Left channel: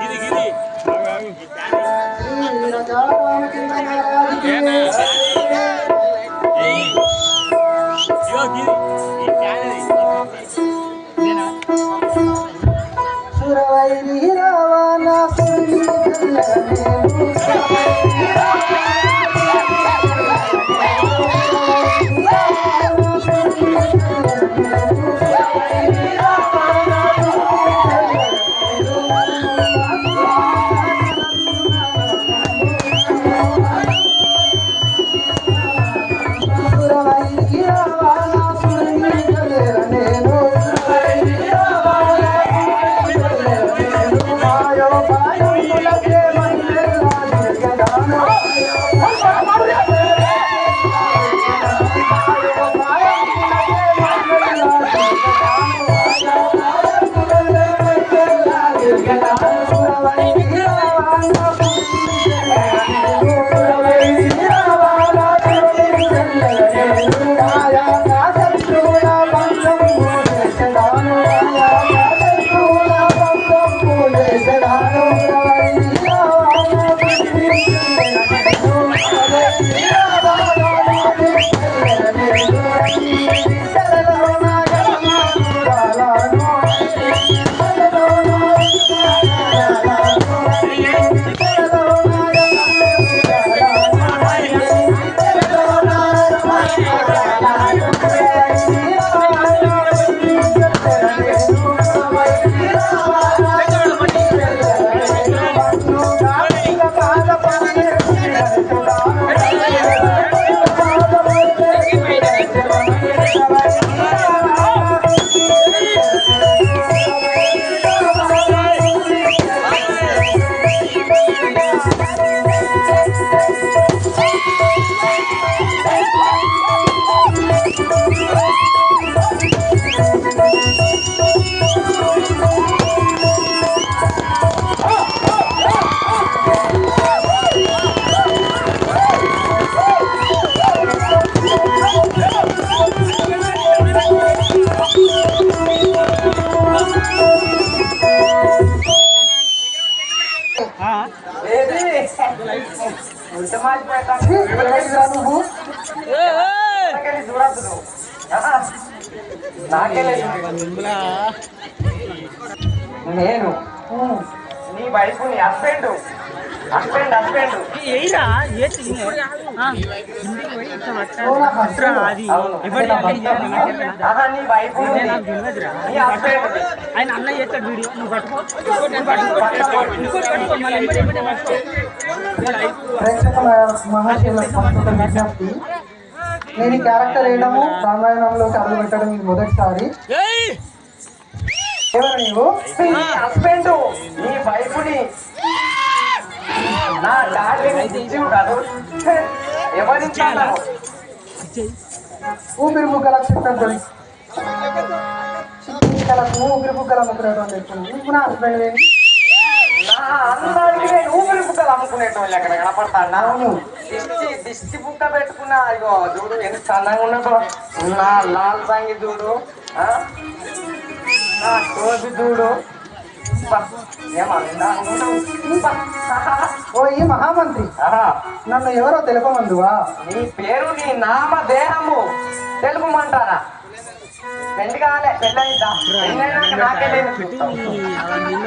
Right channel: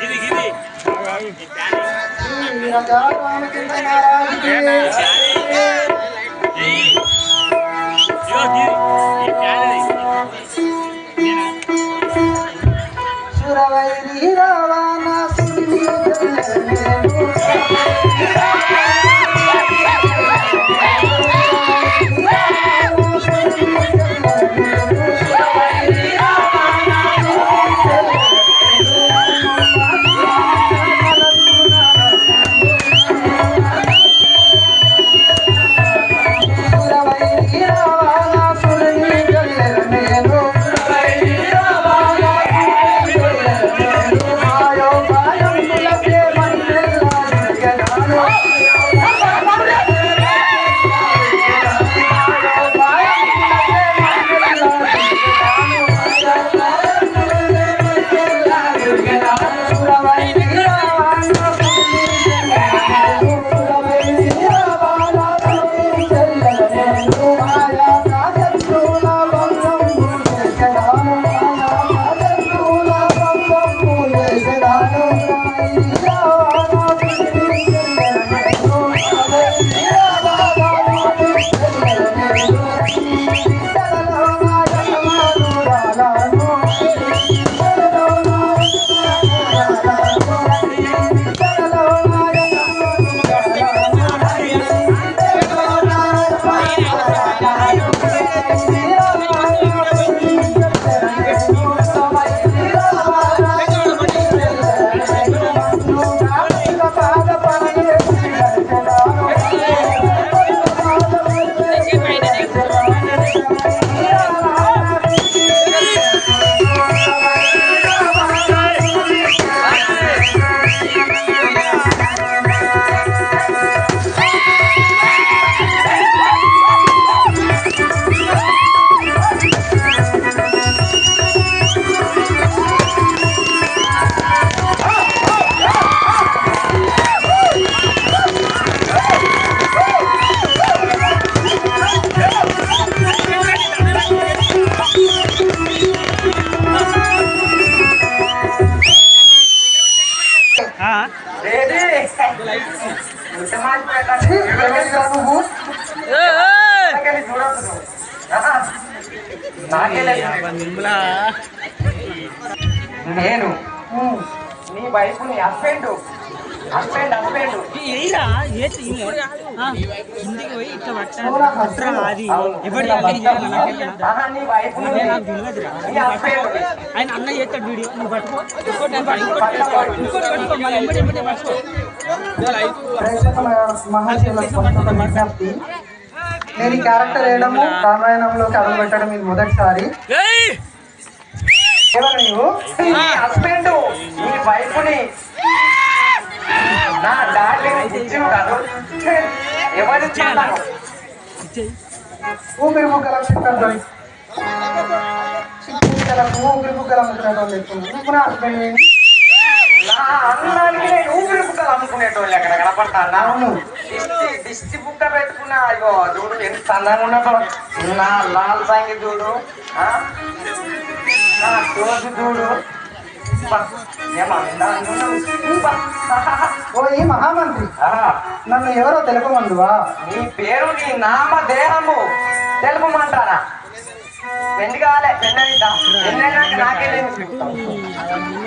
गिरी गिरी నువ్వు నేను నీ వైపు నీ హస్బెండ్ హస్బెండ్ హస్బెండ్ పోయి ఇట్లా పట్టాలి. పట్టురా అది ఎవరి నాకు తెలియదురా. ఆయన అన్న చేస్తాడు వీడియో. నువ్వు పట్టుకో. ఇంకోటి పట్టుకో. ఇంకోటి పట్టుకో. మళ్ళీ ఎంబడి ఎంబడి పట్టుకో. ప్రేక్షకుల విజ్ఞప్తి. నేను ఈ క్యారెక్టర్ వేయడము రామాయణంలోకి అడుగు పెట్టడం ఇది మొదటిసారి. ఎవరు నీవు? హస్బెండ్ నీ వైఫ్ని నా డార్లింగ్ బుజ్జివు కాదు. ఎవరు ఇచ్చాను ఊపిరి ముక్కునటువంటి చెప్తున్నాను నువ్వు నా హస్బెండ్ నా అన్నానికి అమ్ముకునేటోళ్ళు ఎక్కడ కనపడతాను దిష్టి దిష్టి బుక్క పెట్టుకున్నా అయ్యో చూడు ఎంత అందంగా ఉన్నదో నా లాల్ సాంగి చూడు? నా కోసి చూడు. ఓ ఈ మహామంత్రి. నన్ను ఎవరో తెలుపమందువా? నీ పేరు నీ నామ దేహము. తెలుపమంటారా? పెళ్ళి కాలే పెళ్ళైందా పెళ్ళైనాక నాకే ఈయనవే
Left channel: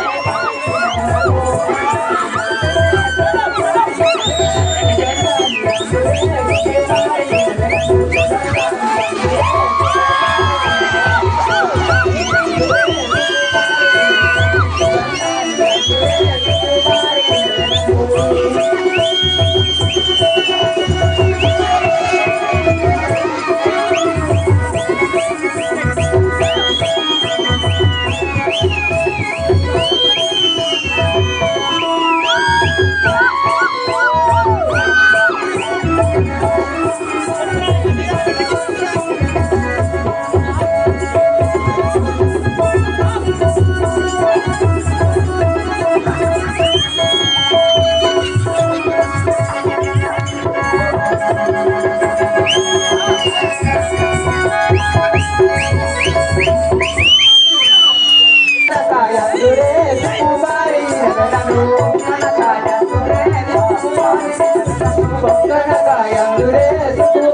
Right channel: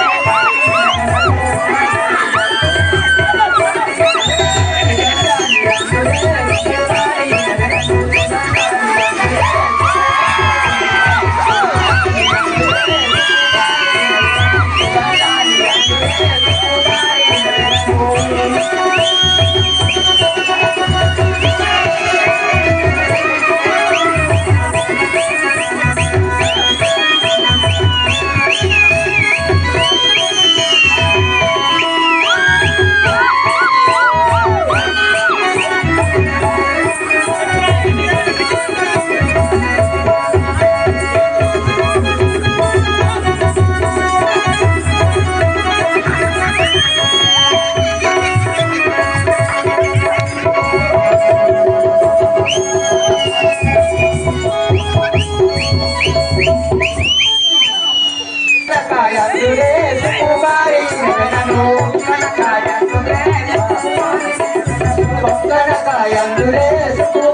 Yeah. dress